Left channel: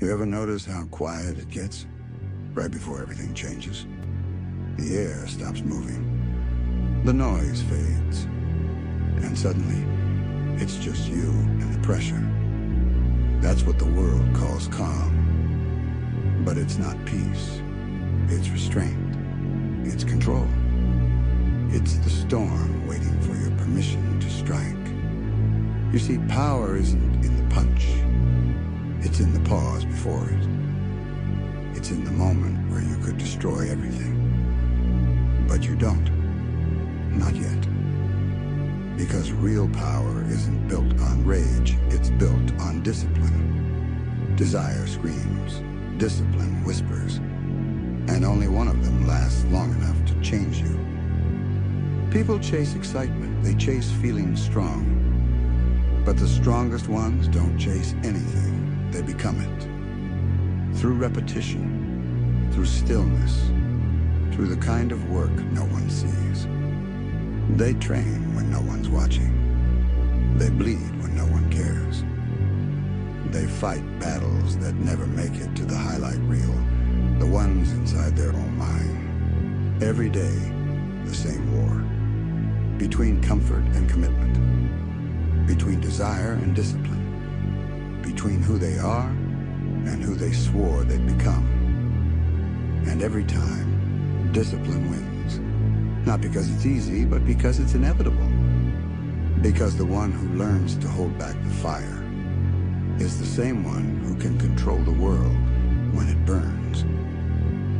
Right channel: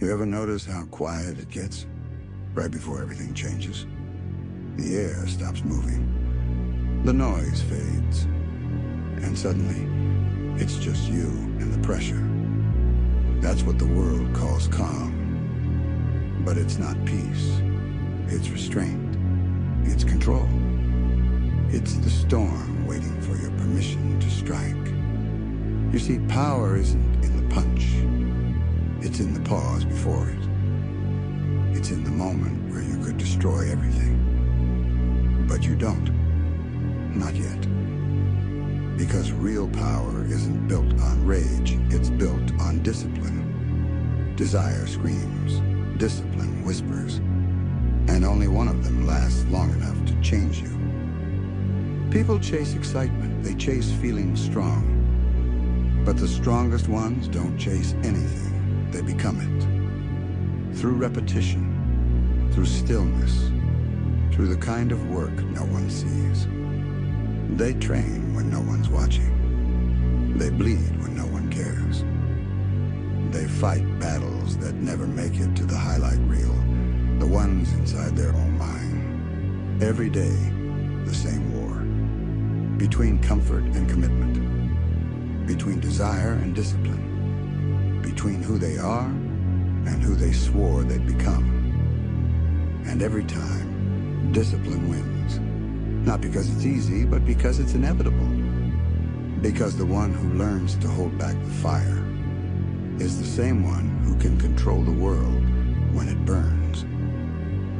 You ever notice how quiet it gets right before everything changes? The air stops moving, the noise fades, and suddenly it's just you and the pressure. That's what the world calls calm. But it's not peace. It's restraint. It's control. It's the storm waiting for your permission to strike. You see, power isn't in the punch. It's in the pause before it. It's in the moment where you could destroy everything. But you don't. Not yet. Because real power isn't built on rage, it's built on discipline. Desire screams, discipline whispers, and only one of them lasts long enough to change you. People chase excitement, they chase feeling strong. But the strongest ones don't chase anything, they become it. Through repetition, through stillness, through the kind of work no one sees. They train when no one's watching. They bleed when no one cares. They fight battles that never make it to the highlight reel, the ones inside their own mind. Every day, the same war. Between comfort and commitment. Between desire and discipline. Between who they are and who they swore they'd become. And every time, discipline wins. Not because it's easy, but because it's inevitable. Because the one who learns to hold back the fire is the same one who can control the world when it burns.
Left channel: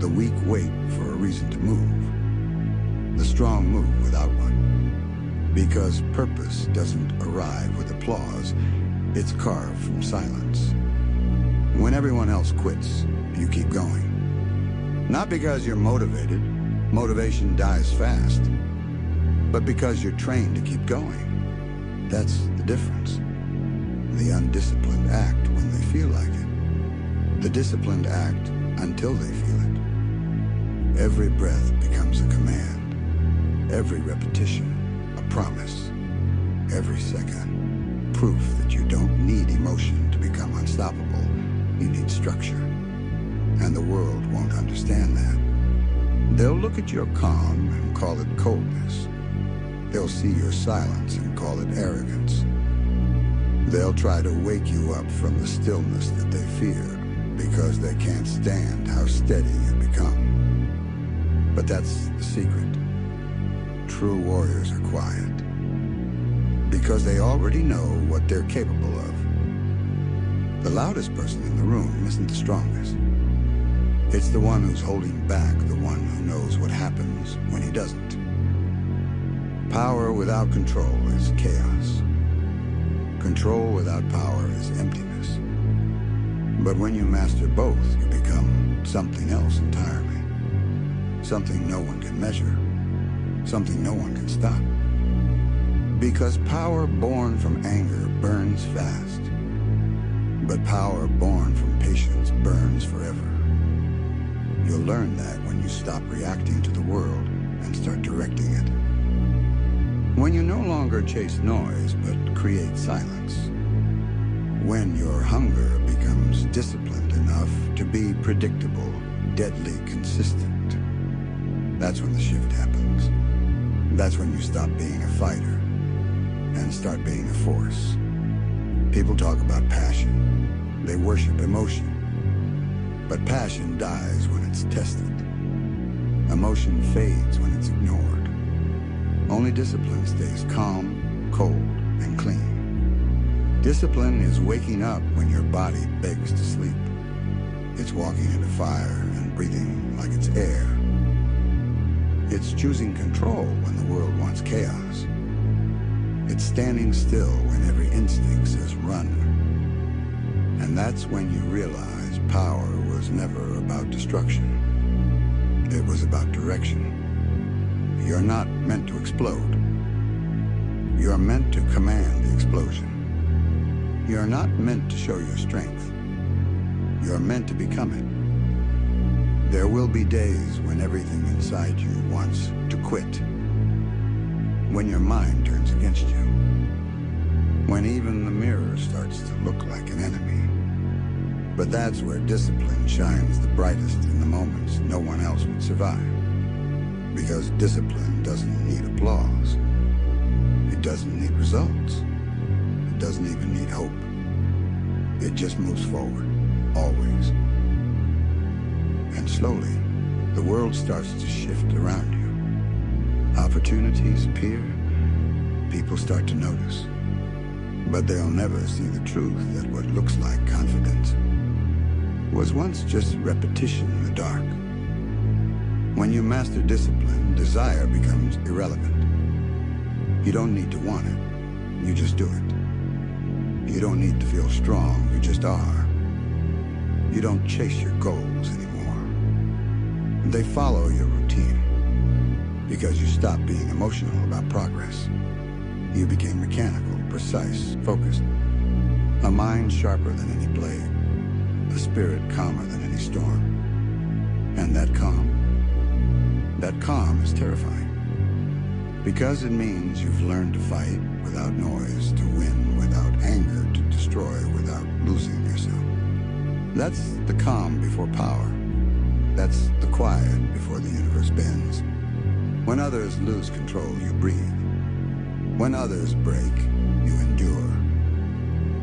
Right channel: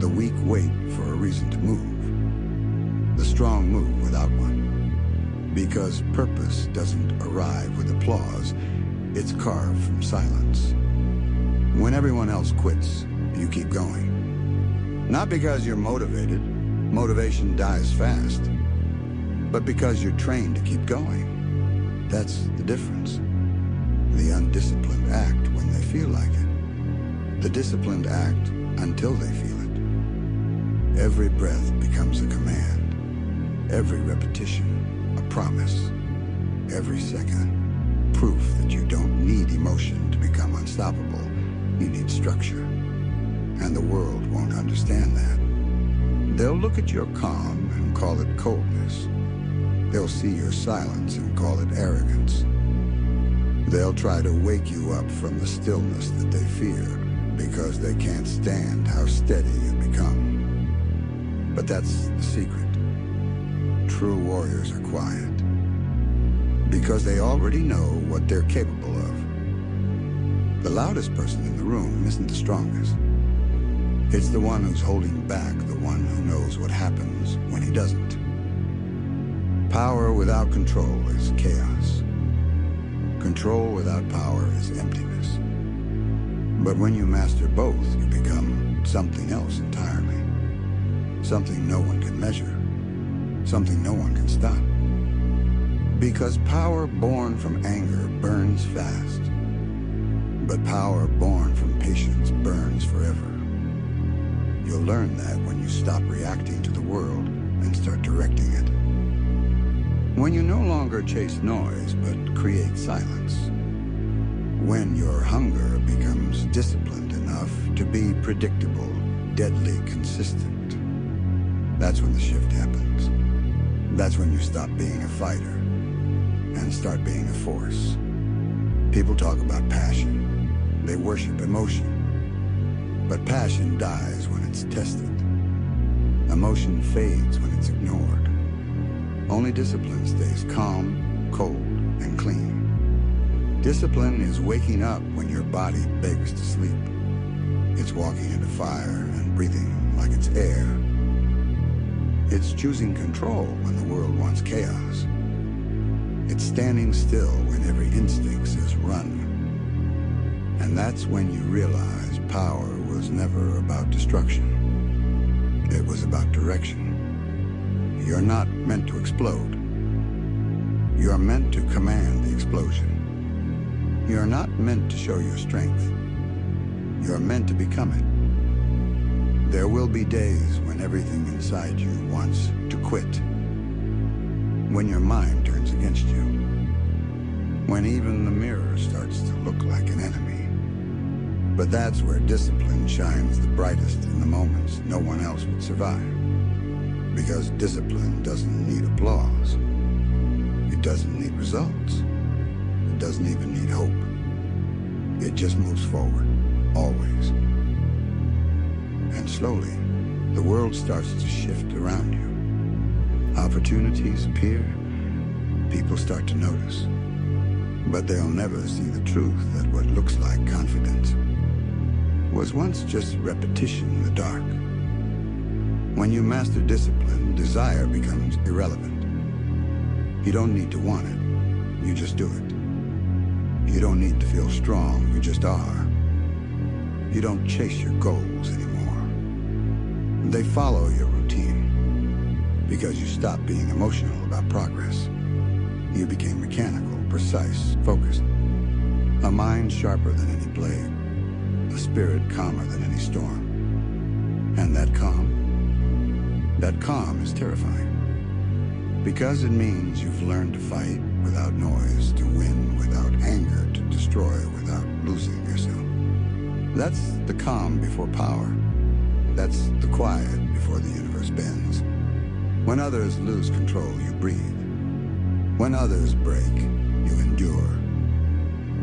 The weak wait for a reason to move. The strong move without one. Because purpose doesn't arrive with applause, it's carved from silence. When everyone else quits, you keep going. Not because you're motivated. Motivation dies fast, but because you're trained to keep going. That's the difference. The undisciplined act when they feel like it. The disciplined act until they feel it. Every breath becomes a command. Every repetition, a promise. Every second, proof that you don't need emotion to become unstoppable. You need structure. And the world won't understand that. They'll look at your calm and call it coldness. They'll see your silence and call it arrogance. They'll try to wake you up from the stillness that they fear because they can't stand how steady you become. But that's the secret. True warriors are quiet because they already know what they're capable of. The loudest person in the room isn't the strongest. It's the one who's holding back, the one who knows what happens when he doesn't. Power without control is chaos. Control without power is emptiness. But when you master both, you become something else entirely. Something no one can measure. Something no one can stop. Because power born from anger burns fast. But power born from patience burns forever. You'll learn that when you stop reacting to the world and start directing it. When you no longer chase noise, but create silence. When your hunger becomes disciplined enough to be predictable, deadly consistent. That's when the shift happens. That's when you stop being a fighter and start being a force. People talk about passion. They worship emotion. But passion dies when it's tested. Emotion fades when it's ignored. Only discipline stays calm, cold, and clean. Discipline is waking up when your body begs to sleep. It's walking into fire and breathing like it's air. It's choosing control when the world wants chaos. It's standing still when every instinct says run. And that's when you realize power was never about destruction. It was about direction. You're not meant to explode. You're meant to command the explosion. You're not meant to show your strength. You're meant to become it. There will be days when everything inside you wants to quit. When your mind turns against you. When even the mirror starts to look like an enemy. But that's where discipline shines the brightest in the moments no one else would survive. Because discipline doesn't need applause. It doesn't need results. It doesn't even need hope. It just moves forward, always. And slowly, the world starts to shift around you. Opportunities appear, people start to notice. But they'll never see the truth that what looks like confidence was once just repetition in the dark. When you master discipline, desire becomes irrelevant. You don't need to want it, you just do it. You don't need to feel strong, you just are. You don't chase your goals anymore. They follow your routine because you stopped being emotional about progress. You became mechanical, precise, focused. A mind sharper than any blade. A spirit calmer than any storm. And that calm is terrifying. Because it means you've learned to fight without noise, to win without anger, to destroy without losing yourself. That's the calm before power. That's the quiet before the universe bends. When others lose control, you breathe. When others break, you endure.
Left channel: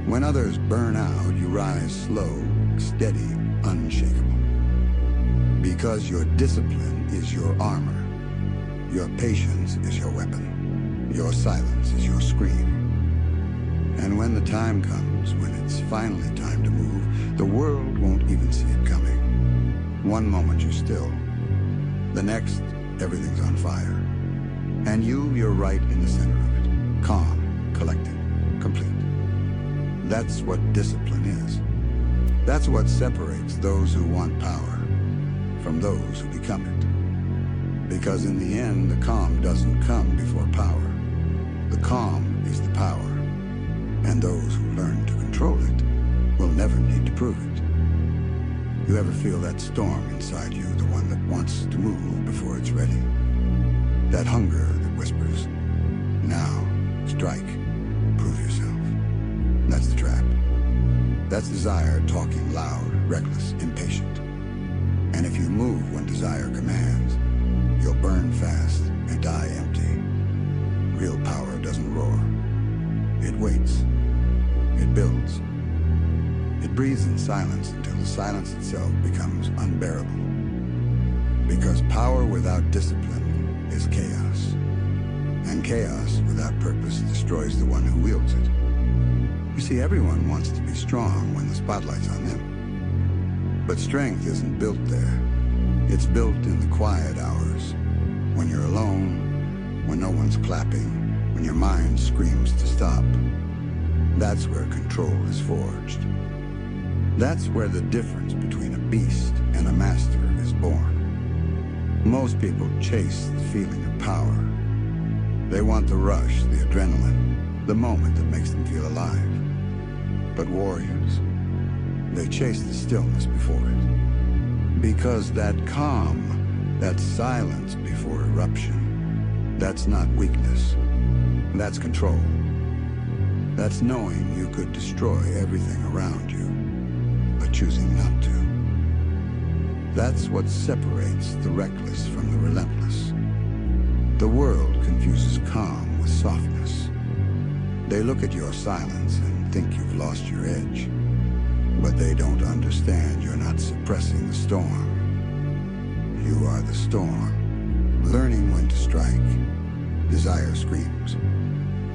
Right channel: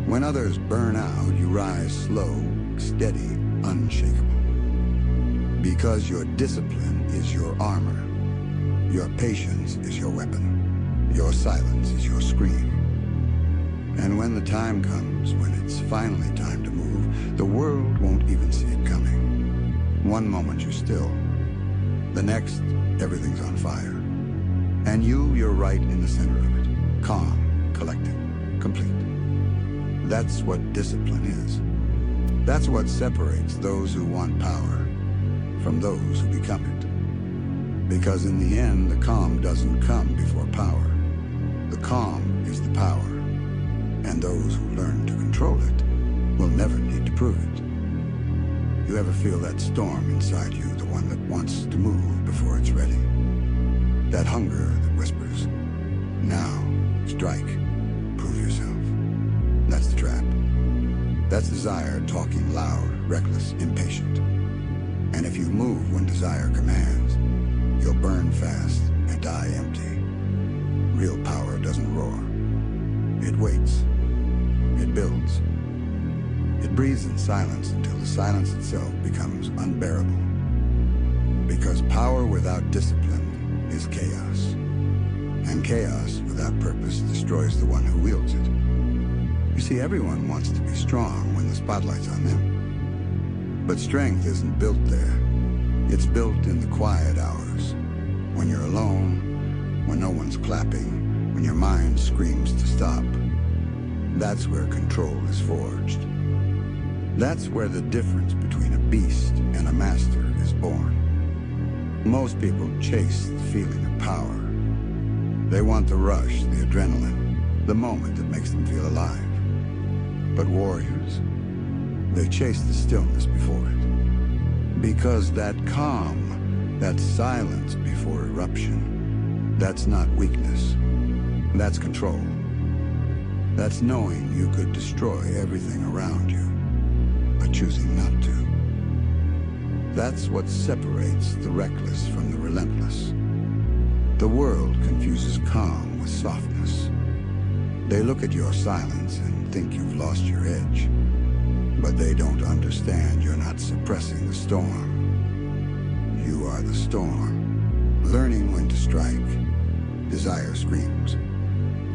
When others burn out, you rise slow, steady, unshakable. Because your discipline is your armor. Your patience is your weapon. Your silence is your scream. And when the time comes, when it's finally time to move, the world won't even see it coming. One moment you're still. The next, everything's on fire. And you're right in the center of it. Calm, collected, complete. That's what discipline is. That's what separates those who want power from those who become it. Because in the end, the calm doesn't come before power. The calm is the power. And those who learn to control it will never need to prove it. You ever feel that storm inside you, the one that wants to move before it's ready? That hunger that whispers, now, strike, prove yourself. That's the trap. That's desire talking loud, reckless, impatient. And if you move when desire commands, you'll burn fast and die empty. Real power doesn't roar. It waits. It builds. It breathes in silence until the silence itself becomes unbearable. Because power without discipline is chaos. And chaos without purpose destroys the one who wields it. You see, everyone wants to be strong when the spotlight's on them. But strength isn't built there. It's built in the quiet hours. When you're alone, when no one's clapping, when your mind screams to stop. That's where control is forged. That's where the difference between a beast and a master is born. Most people chase the feeling of power. They want the rush, the adrenaline, the moment that makes them feel alive. But warriors, they chase the stillness before it. Because that calm, that silence before eruption, that's not weakness. That's control. That's knowing you could destroy everything around you, but choosing not to. That's what separates the reckless from the relentless. The world confuses calm with softness. They look at your silence and think you've lost your edge. But they don't understand you're not suppressing the storm. You are the storm. Learning when to strike. Desire screams.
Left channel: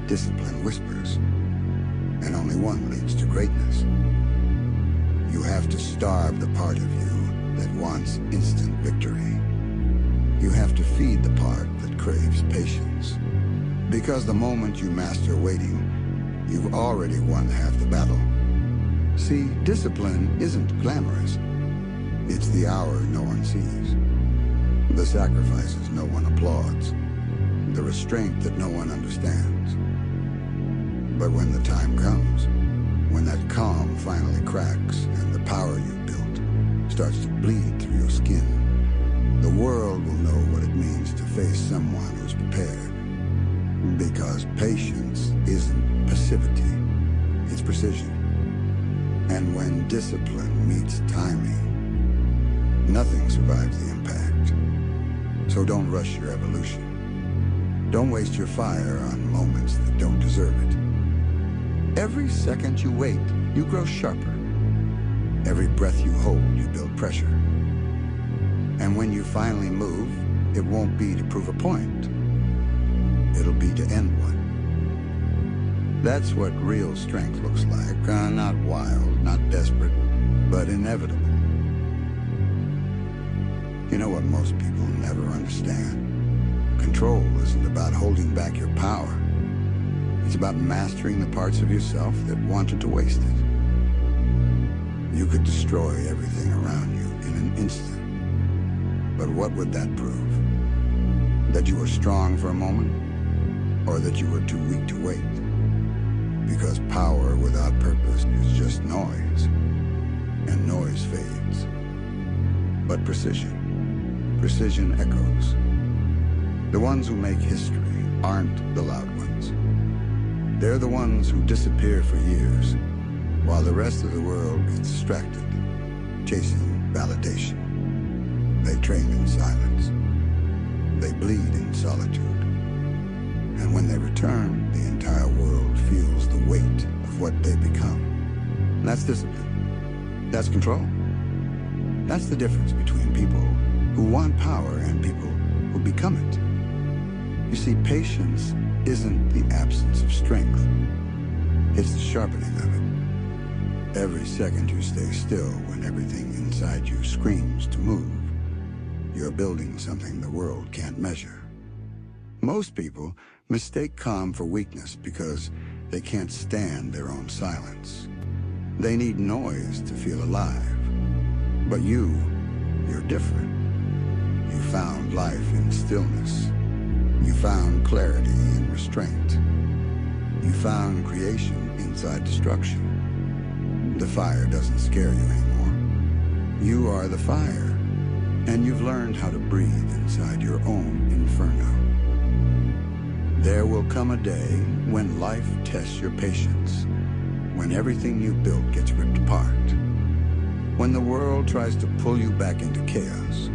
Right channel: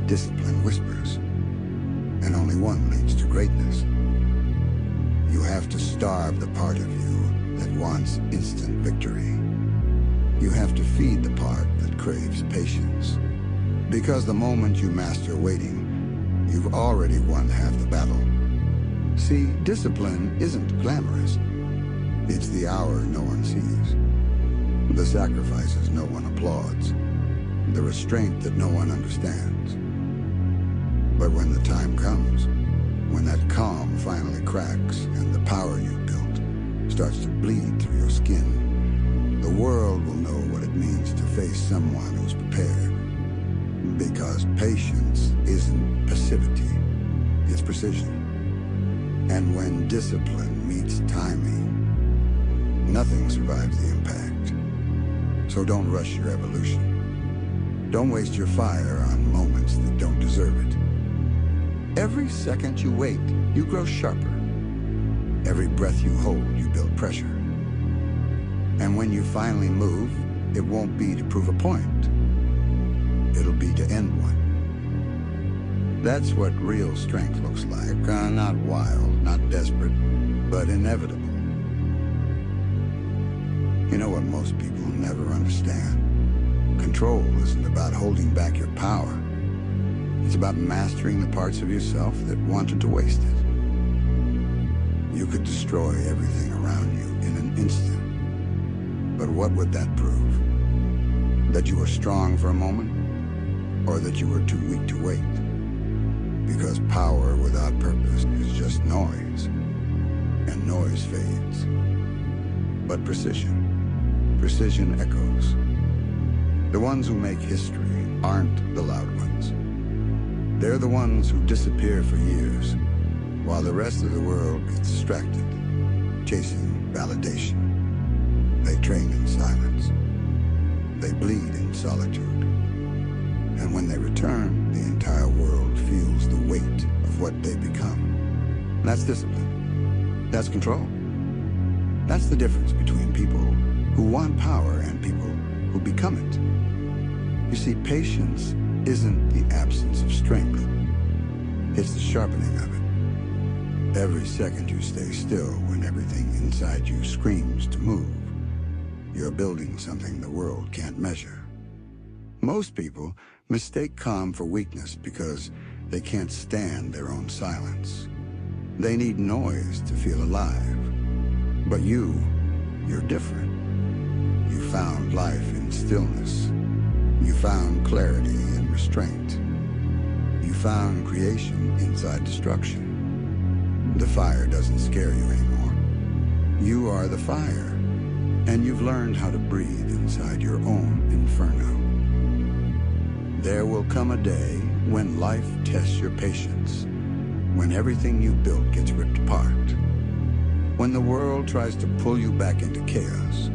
Discipline whispers. And only one leads to greatness. You have to starve the part of you that wants instant victory. You have to feed the part that craves patience. Because the moment you master waiting, you've already won half the battle. See, discipline isn't glamorous. It's the hour no one sees. The sacrifices no one applauds. The restraint that no one understands. But when the time comes, when that calm finally cracks and the power you built starts to bleed through your skin, the world will know what it means to face someone who's prepared. Because patience isn't passivity, it's precision. And when discipline meets timing, nothing survives the impact. So don't rush your evolution. Don't waste your fire on moments that don't deserve it. Every second you wait, you grow sharper. Every breath you hold, you build pressure. And when you finally move, it won't be to prove a point. It'll be to end one. That's what real strength looks like. Not wild, not desperate, but inevitable. You know what most people never understand? Control isn't about holding back your power. It's about mastering the parts of yourself that wanted to waste it. You could destroy everything around you in an instant. But what would that prove? That you were strong for a moment? Or that you were too weak to wait? Because power without purpose is just noise. And noise fades. But precision echoes. The ones who make history aren't the loud ones. They're the ones who disappear for years, while the rest of the world gets distracted, chasing validation. They train in silence. They bleed in solitude. And when they return, the entire world feels the weight of what they become. That's discipline. That's control. That's the difference between people who want power and people who become it. You see, patience isn't the absence of strength. It's the sharpening of it. Every second you stay still when everything inside you screams to move, you're building something the world can't measure. Most people mistake calm for weakness because they can't stand their own silence. They need noise to feel alive. But you're different. You found life in stillness. You found clarity in restraint. You found creation inside destruction. The fire doesn't scare you anymore. You are the fire, and you've learned how to breathe inside your own inferno. There will come a day when life tests your patience, when everything you built gets ripped apart, when the world tries to pull you back into chaos.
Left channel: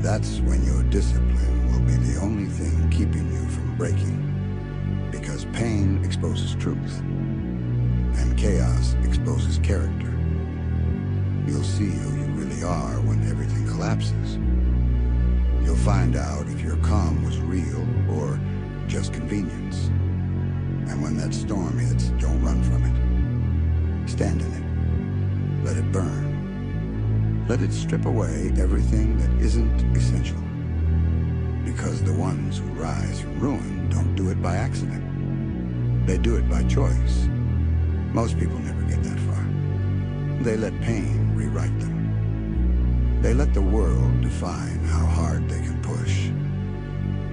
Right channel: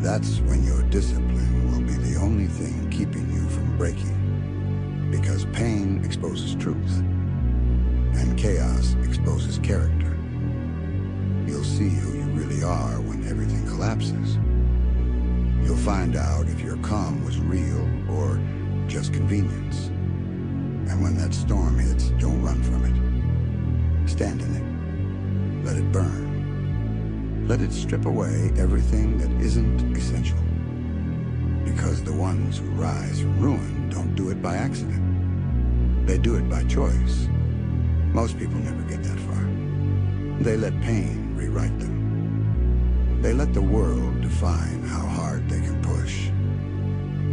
That's when your discipline will be the only thing keeping you from breaking. Because pain exposes truth, and chaos exposes character. You'll see who you really are when everything collapses. You'll find out if your calm was real or just convenience. And when that storm hits, don't run from it. Stand in it. Let it burn. Let it strip away everything that isn't essential. Because the ones who rise from ruin don't do it by accident. They do it by choice. Most people never get that far. They let pain rewrite them. They let the world define how hard they can push.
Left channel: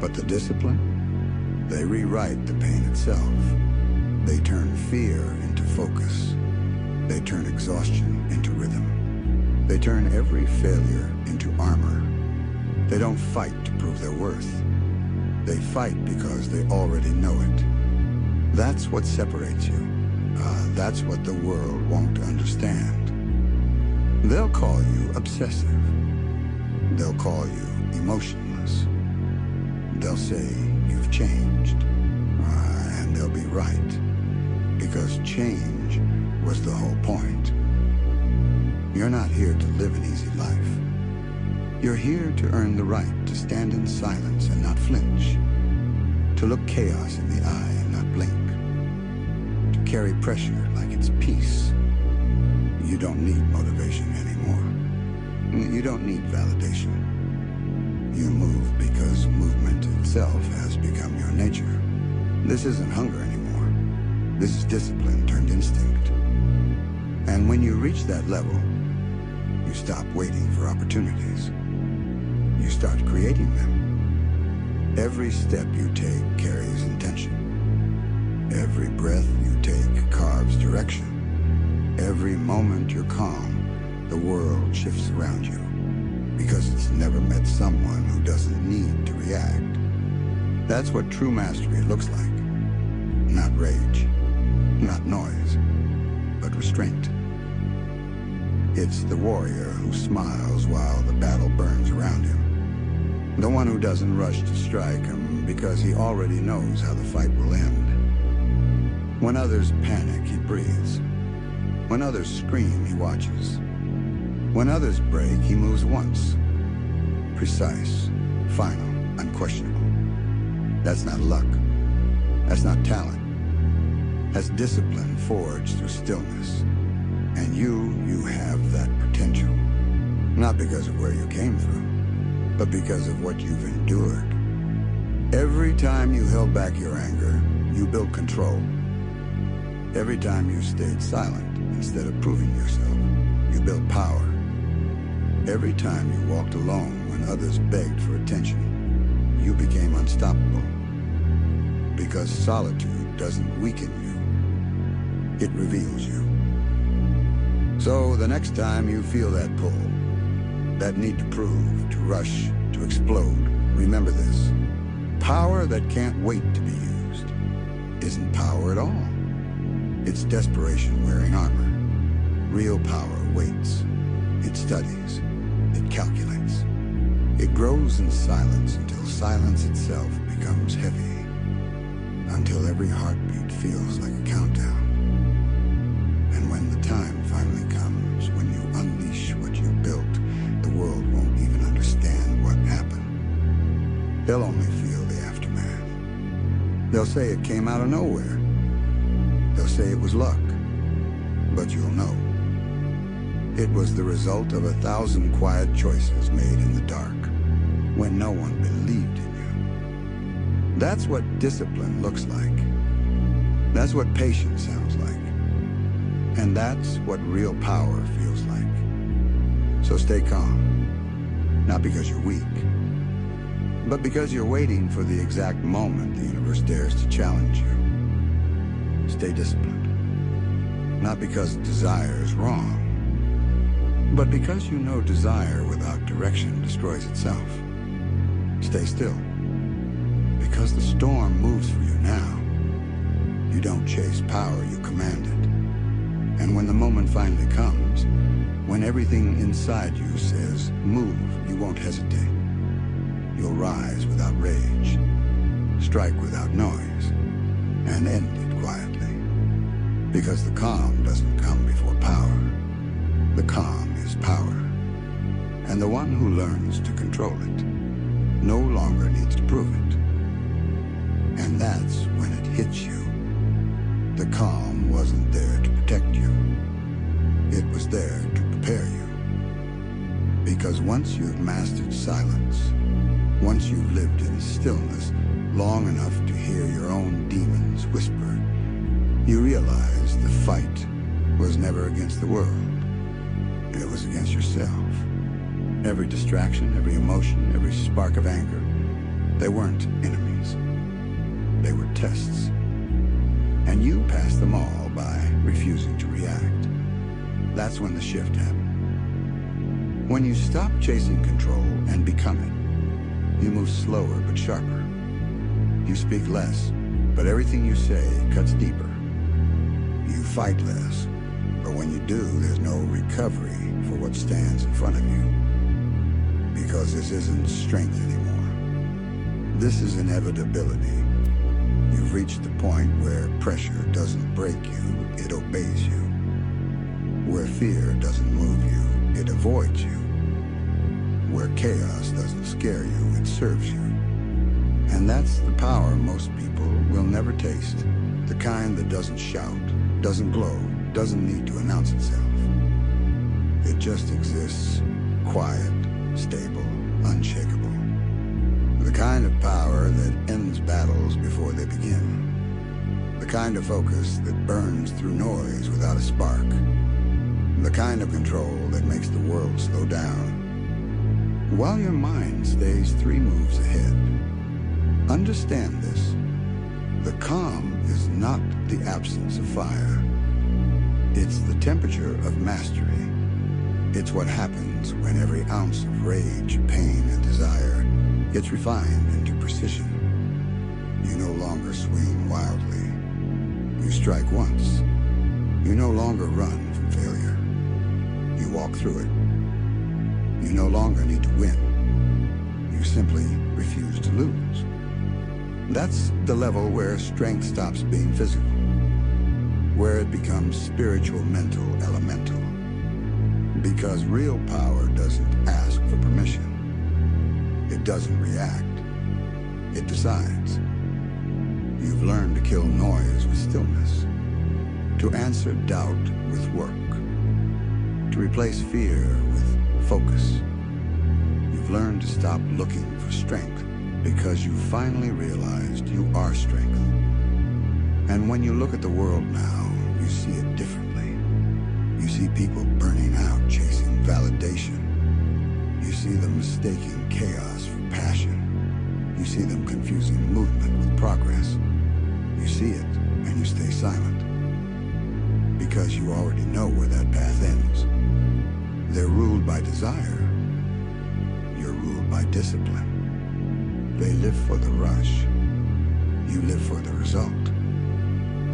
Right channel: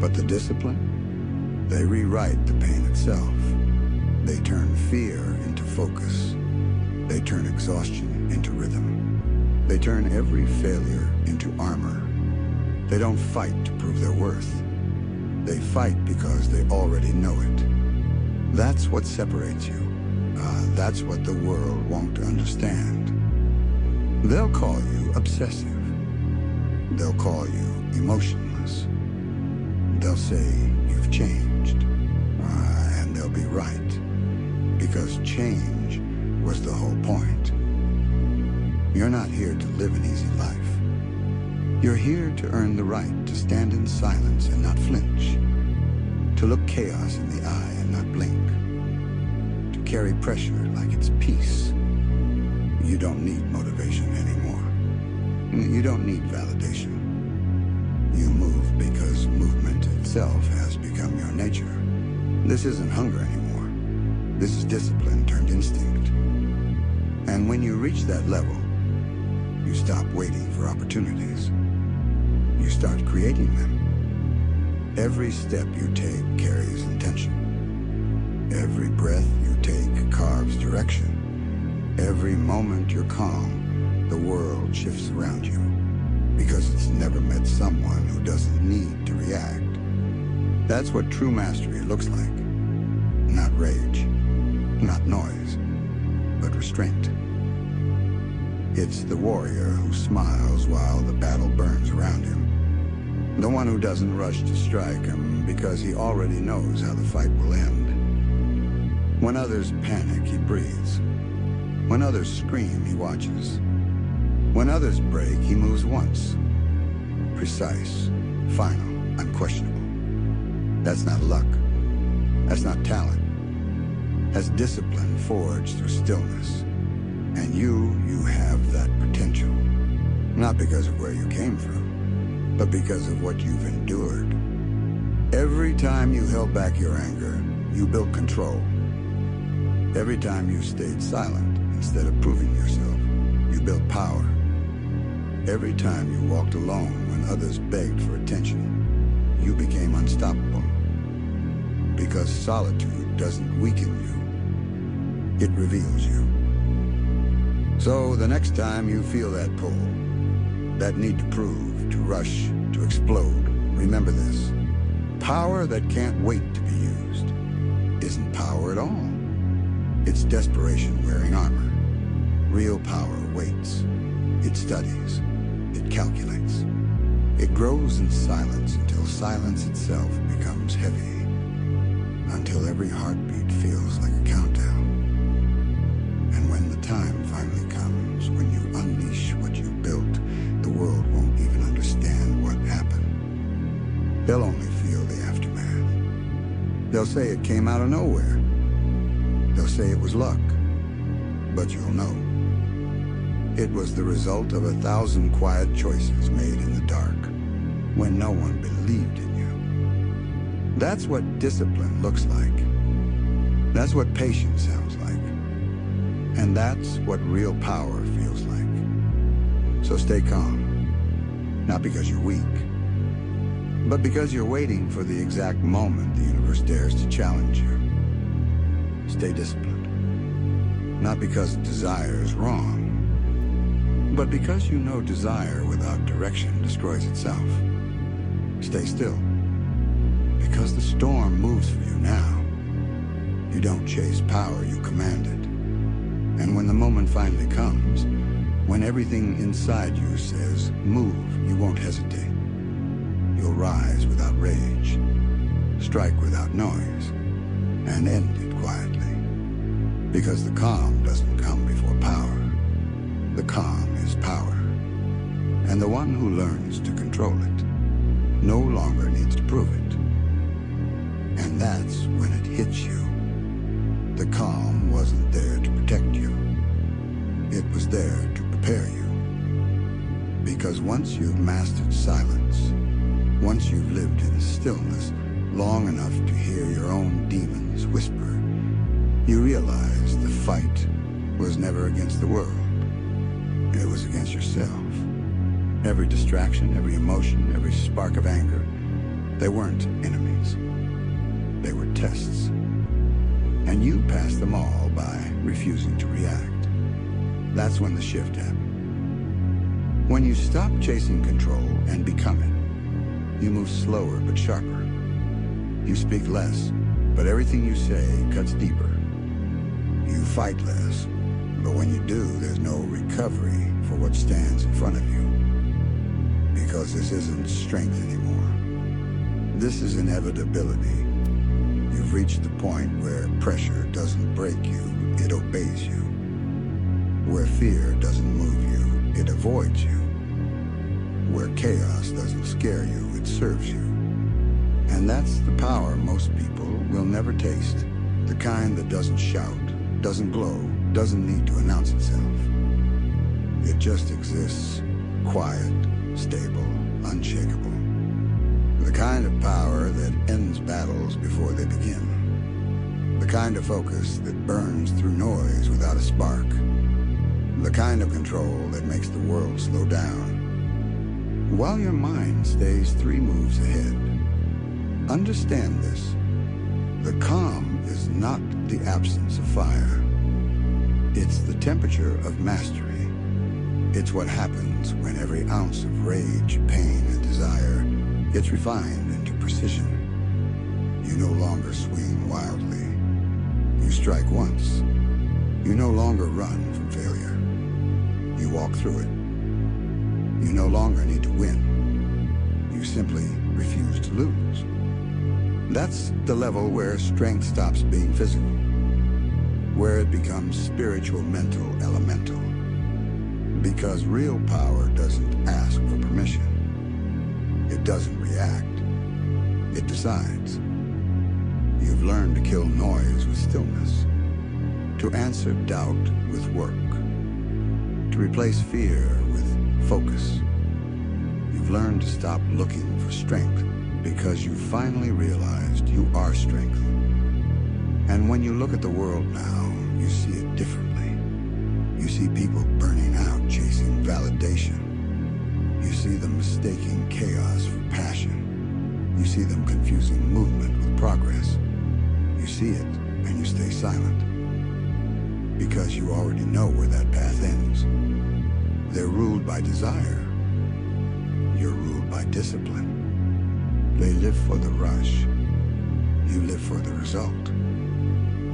But the discipline? They rewrite the pain itself. They turn fear into focus. They turn exhaustion into rhythm. They turn every failure into armor. They don't fight to prove their worth. They fight because they already know it. That's what separates you. That's what the world won't understand. They'll call you obsessive. They'll call you emotionless. They'll say you've changed. And they'll be right. Because change was the whole point. You're not here to live an easy life. You're here to earn the right to stand in silence and not flinch. To look chaos in the eye and not blink. To carry pressure like it's peace. You don't need motivation anymore. You don't need validation. You move because movement itself has become your nature. This isn't hunger anymore. This is discipline turned instinct. And when you reach that level, you stop waiting for opportunities. You start creating them. Every step you take carries intention. Every breath you take carves direction. Every moment you're calm, the world shifts around you. Because it's never met someone who doesn't need to react. That's what true mastery looks like. Not rage, not noise, but restraint. It's the warrior who smiles while the battle burns around him. The one who doesn't rush to strike him because he already knows how the fight will end. When others panic, he breathes. When others scream, he watches. When others break, he moves once. Precise, final, unquestionable. That's not luck. That's not talent. That's discipline forged through stillness. And you have that potential. Not because of where you came from, but because of what you've endured. Every time you held back your anger, you built control. Every time you stayed silent instead of proving yourself, you built power. Every time you walked alone when others begged for attention, you became unstoppable. Because solitude doesn't weaken you, it reveals you. So the next time you feel that pull, that need to prove, to rush, to explode, remember this. Power that can't wait to be used isn't power at all. It's desperation wearing armor. Real power waits. It studies. It calculates. It grows in silence until silence itself becomes heavy. Until every heartbeat feels like a countdown. And when the time finally comes, when you unleash what you've built, the world won't even understand what happened. They'll only feel the aftermath. They'll say it came out of nowhere. They'll say it was luck. But you'll know. It was the result of 1,000 quiet choices made in the dark, when no one believed in you. That's what discipline looks like. That's what patience sounds like. And that's what real power feels like. So stay calm, not because you're weak, but because you're waiting for the exact moment the universe dares to challenge you. Stay disciplined, not because desire is wrong, but because you know desire without direction destroys itself. Stay still, because the storm moves for you now. You don't chase power, you command it. And when the moment finally comes, when everything inside you says, move, you won't hesitate. You'll rise without rage, strike without noise, and end it quietly. Because the calm doesn't come before power. The calm is power. And the one who learns to control it no longer needs to prove it. And that's when it hits you. The calm wasn't there to protect you. It was there to prepare you. Because once you've mastered silence, once you've lived in stillness long enough to hear your own demons whisper, you realize the fight was never against the world. It was against yourself. Every distraction, every emotion, every spark of anger, they weren't enemies. They were tests. And you passed them all by refusing to react. That's when the shift happened. When you stop chasing control and become it, you move slower but sharper. You speak less, but everything you say cuts deeper. You fight less, but when you do, there's no recovery for what stands in front of you. Because this isn't strength anymore. This is inevitability. You've reached the point where pressure doesn't break you, it obeys you. Where fear doesn't move you, it avoids you. Where chaos doesn't scare you, it serves you. And that's the power most people will never taste. The kind that doesn't shout, doesn't glow, doesn't need to announce itself. It just exists, quiet, stable, unshakable. The kind of power that ends battles before they begin. The kind of focus that burns through noise without a spark. The kind of control that makes the world slow down, while your mind stays 3 moves ahead. Understand this. The calm is not the absence of fire. It's the temperature of mastery. It's what happens when every ounce of rage, pain, and desire gets refined into precision. You no longer swing wildly. You strike once. You no longer run from failure. You walk through it. You no longer need to win. You simply refuse to lose. That's the level where strength stops being physical, where it becomes spiritual, mental, elemental. Because real power doesn't ask for permission. It doesn't react. It decides. You've learned to kill noise with stillness, to answer doubt with work, to replace fear with focus. You've learned to stop looking for strength because you finally realized you are strength. And when you look at the world now, you see it differently. You see people burning out, chasing validation. You see them mistaking chaos for passion. You see them confusing movement with progress. You see it, and you stay silent. Because you already know where that path ends. They're ruled by desire. You're ruled by discipline. They live for the rush. You live for the result.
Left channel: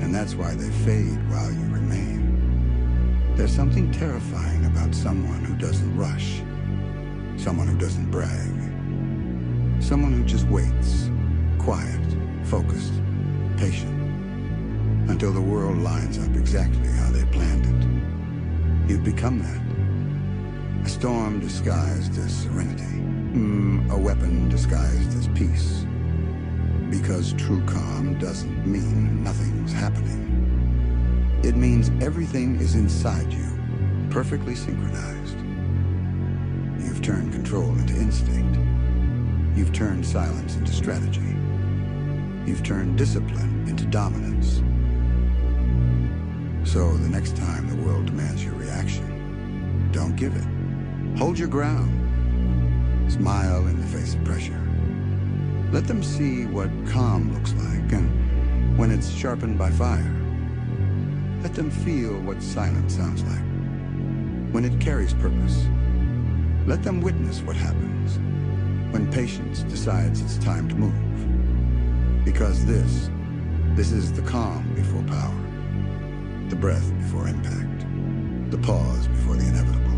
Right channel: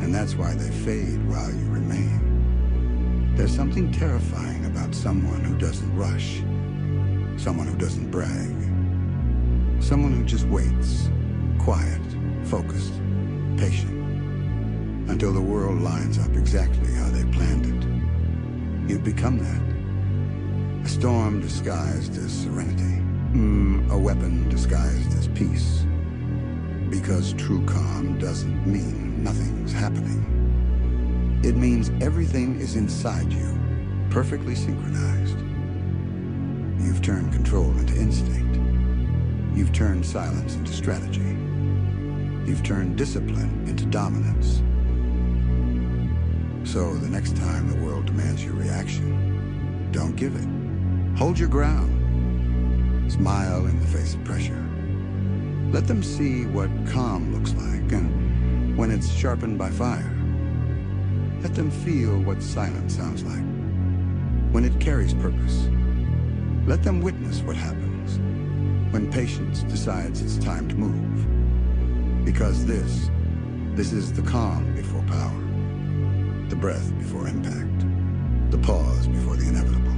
And that's why they fade while you remain. There's something terrifying about someone who doesn't rush. Someone who doesn't brag. Someone who just waits, quiet, focused, patient, until the world lines up exactly how they planned it. You've become that. A storm disguised as serenity. A weapon disguised as peace. Because true calm doesn't mean nothing's happening. It means everything is inside you, perfectly synchronized. You've turned control into instinct. You've turned silence into strategy. You've turned discipline into dominance. So the next time the world demands your reaction, don't give it. Hold your ground. Smile in the face of pressure. Let them see what calm looks like, and when it's sharpened by fire. Let them feel what silence sounds like, when it carries purpose. Let them witness what happens when patience decides it's time to move. Because this is the calm before power, the breath before impact, the pause before the inevitable.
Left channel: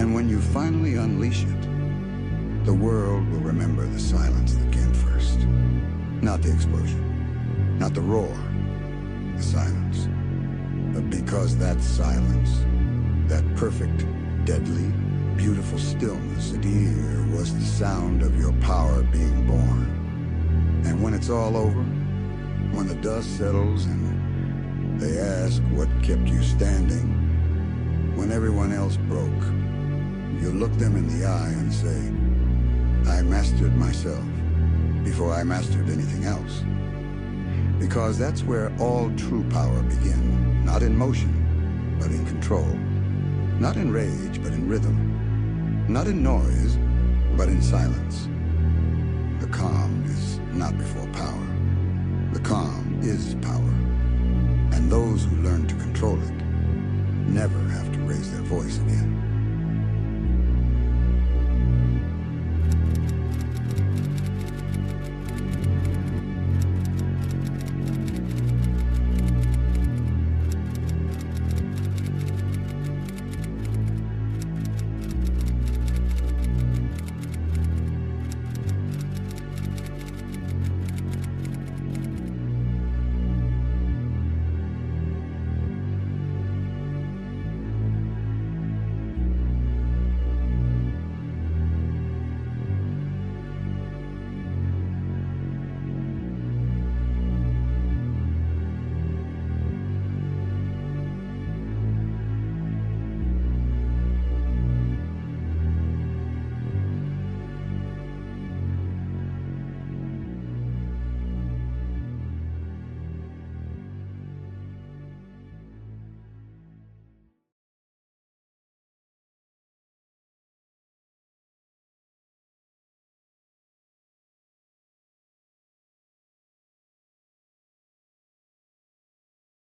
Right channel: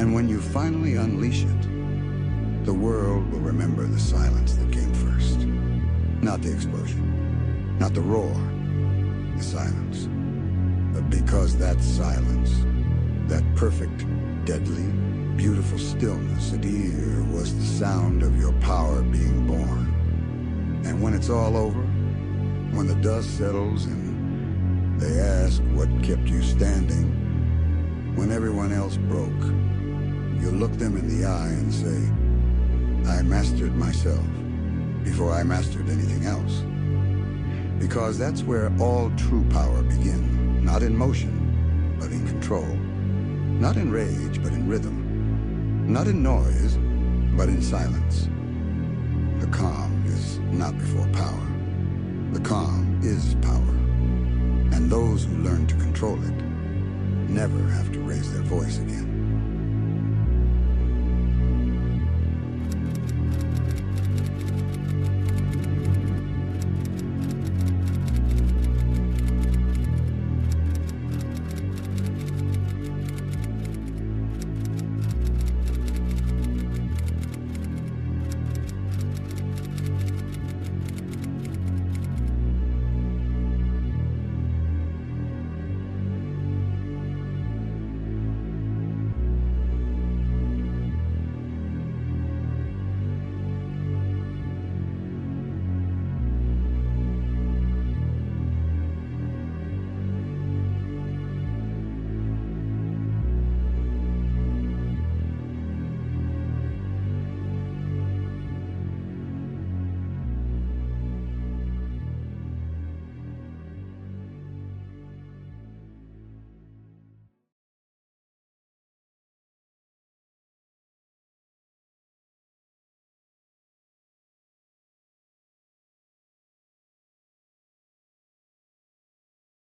And when you finally unleash it, the world will remember the silence that came first. Not the explosion, not the roar, the silence. Because that silence, that perfect, deadly, beautiful stillness at ear was the sound of your power being born. And when it's all over, when the dust settles and they ask what kept you standing, when everyone else broke, you look them in the eye and say, I mastered myself before I mastered anything else. Because that's where all true power begins, not in motion, but in control. Not in rage, but in rhythm. Not in noise, but in silence. The calm is not before power. The calm is power. And those who learn to control it never have to raise their voice again.